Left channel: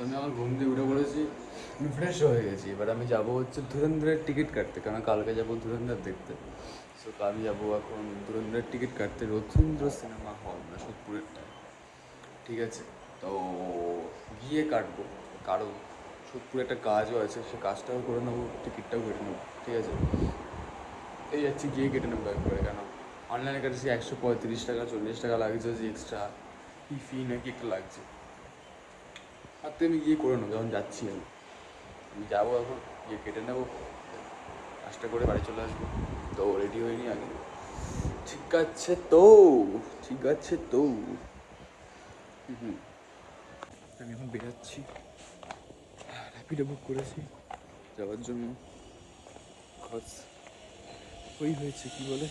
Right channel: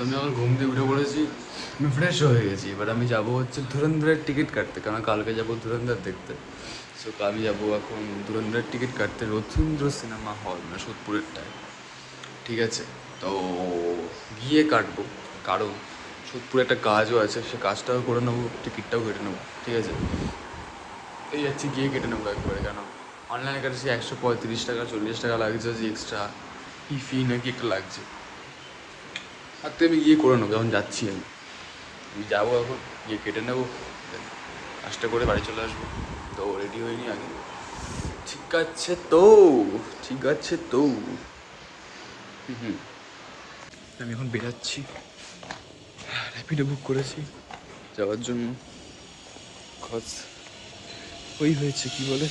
আমি আমার ঘুম থেকে উঠে পড়েছি, আমি ফ্রেশ হয়ে গেছি। এবার আমি যাবো হচ্ছে ধুরন্ধরের টিকিট কাটতে, কারণ কালকে যাবো ধুরন্ধর দেখতে। সো আমি যাবো এখন ধুরন্ধরের টিকিট কাটতে রথীন্দ্র সিনেমা হল, মানে সোদপুরেরটায়। ঠিক আছে, তো গিয়ে কাটবো, কারণ সোদপুরে একটা কাজও আছে, সে কাজটাও করে নেবো, টিকিটটাও কেটে নেবো। ঠিক আছে, এই যাচ্ছি, গিয়ে কেটে নেবো একবারে। কেন অনলাইনে কাটছি 135 টাকা 40 টাকা লাগছে, যে এক্সট্রা কি ফি নাকি একটা লাগছে। আর তো আমি গিয়ে করে নেবো, যখন যাচ্ছি আমি যাবো এখন, গিয়ে কেটে নেবো, কাজটা করে বাড়ি চলে আসবো। তো রেডি হয়নি আগে। ঠিক আছে তো, ঠিক আছে তো। হুম, আমি এখন বেরাচ্ছি, র্যাপিডো বুক করেছি যাওয়ার জন্য। খোঁজ ওই হয়েছে কি বলে,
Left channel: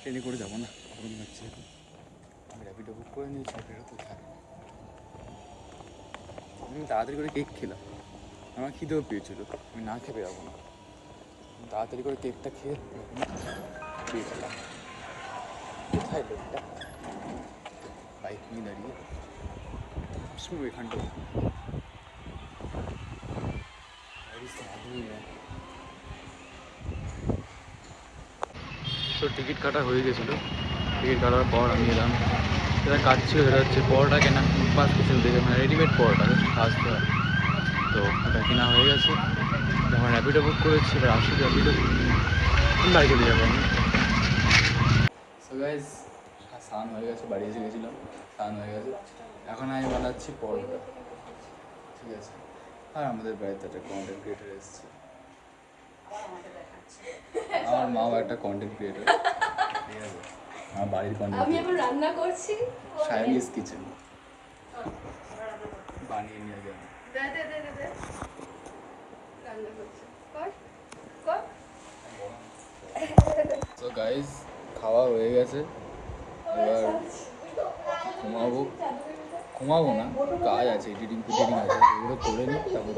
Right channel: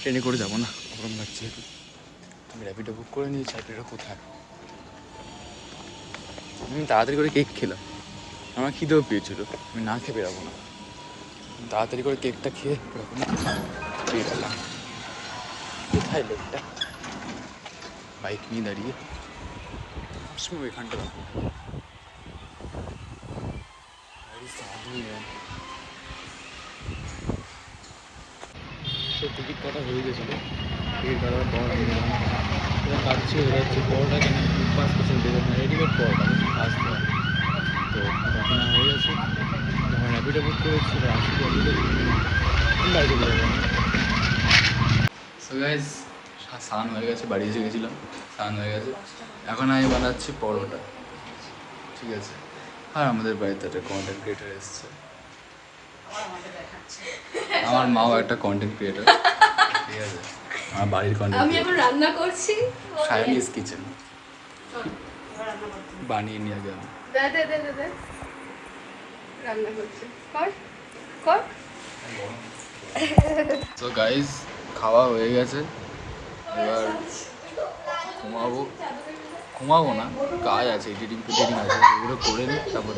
ট্রেনে করে যাবো না, গরম লাগছে। আমি র্যাপিডো বুক করে নিয়েছি। র্যাপিডো কোথায়? আমি তাড়াতাড়ি করে কেক খেলাম, আমার খিদেও পেয়েছিল, আমি না খেয়ে বেরাবো না। তাড়াতাড়ি করে কেকটা খেয়ে বেরালাম। কোথায় লোকটা বাইক নিয়ে দাঁড়িয়ে? আসবো এখানটা। তো টিকিট কাটা হয়ে গেছিলো, টিকিট কাটার পর আমি এলাম, এবার কাটছিল। এটা হচ্ছে পরোটা কেনা, পাঁচ কিছু দেখে, মানে রেডিমেড পরোটা আসতে হয়। তো এটা কেনা হয়ে গেছে, যখন র্যাপিডো বুক করেছি, এবার আসি র্যাপিডো, বাড়ি চলে যাবো আমি। সো গাইস, স্নান হয়ে গেছে, বাড়ি এসে গেছিলাম, স্নান হয়ে গেছে। এখন আমি বানাচ্ছি পরোটা। ঠিক আছে, আর আমাদের বাড়িতে একটা কন্টেন্ট ক্রিয়েটার এসছে, আমার মাও একটা কন্টেন্ট ক্রিয়েটার। ঠিক আছে, আমার বাড়ির কন্টেন্ট আমি এখন রান্না করছি, সাইনিজ কিচেন বানিয়ে নিয়ে গেল। দে দে দে দে দে রান্না করছি, কর কর। তো গাইস, খাওয়া হয়ে গেছে, এবার ঘুমাবো। ঘুমাবো না, কাজ আছে, এডিটিং ফিডিটিং আছে, এগুলো করে নিই, তারপর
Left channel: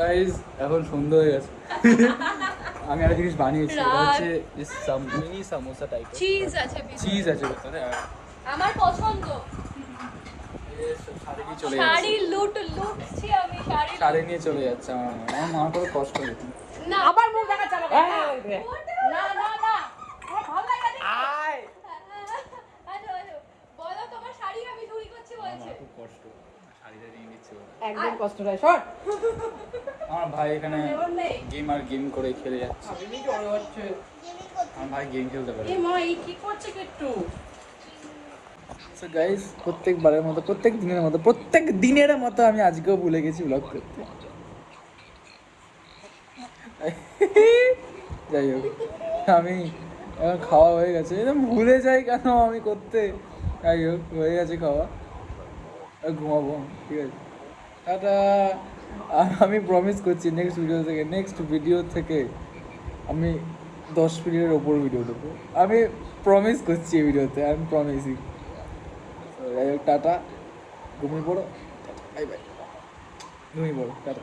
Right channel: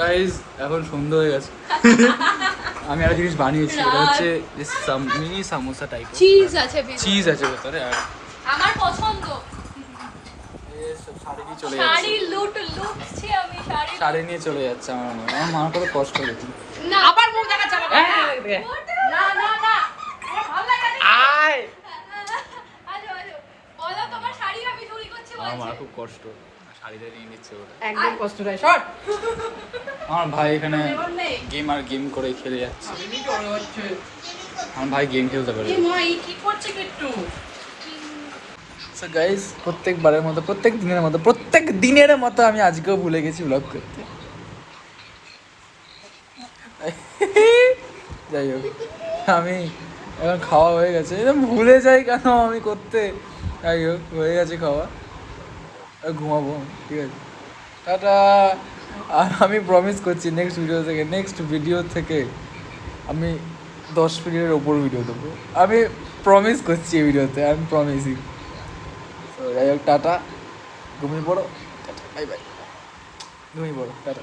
গাইস এখন সন্ধ্যা হয়ে গেছে। আমি একটা জিনিস বানিয়েছি, এটা হচ্ছে মিনি সামোসা টাইপ, চিজ আছে, চিজ আছে ভেতরে। আর আমার পছন্দ। শাড়ি নিয়ে চলে শাড়ি যাচ্ছে, লুটছি আমি, শাড়ি নিয়ে চলে যাচ্ছে। আমার মার করে কষ্ট হয়েছে। না আবার মুখ দেখা চালা না না না, ভালো লাগে না। আয়, আচ্ছা আচ্ছা, বলো তোমার শাড়ি আমি চুরি করছি আমার বলছে। খুব কষ্ট, শাড়িটা নিয়ে নিচ্ছে ওরা। একদম কষ্ট নয়, শট। আমার ভাই এখানে গেম করে খেলে যাচ্ছে। আমার ভাই গেম খেলতে পারে। এই মা এই কি করছে বিট্টু? সো গাইস, প্রত্যেকবারের মতো, প্রত্যেক দিনের মতো আমি আজকেও ভুলে গেছি ব্লগ করতে। যাই হোক, আমি এখন খাওয়া হয়ে গেছে, ভুলে যাই কেন আমি করতে। যাই হোক, হয়ে গেছে খাওয়া, ঘুমাবো। ঠিক আছে, টাটা। আর আমি প্রমিস করছি নেক্সট ভিডিও থেকে আমি 10 মিনিটের ওপর ভিডিও দেবো। আমি প্রমিস করছি এই ভিডিওতে, আমি প্রমিসিং। তো যাই হোক, টাটা, ঘুমিয়ে পড়ো, বাই বাই, ঘুমিয়ে পড়ো, টাটা।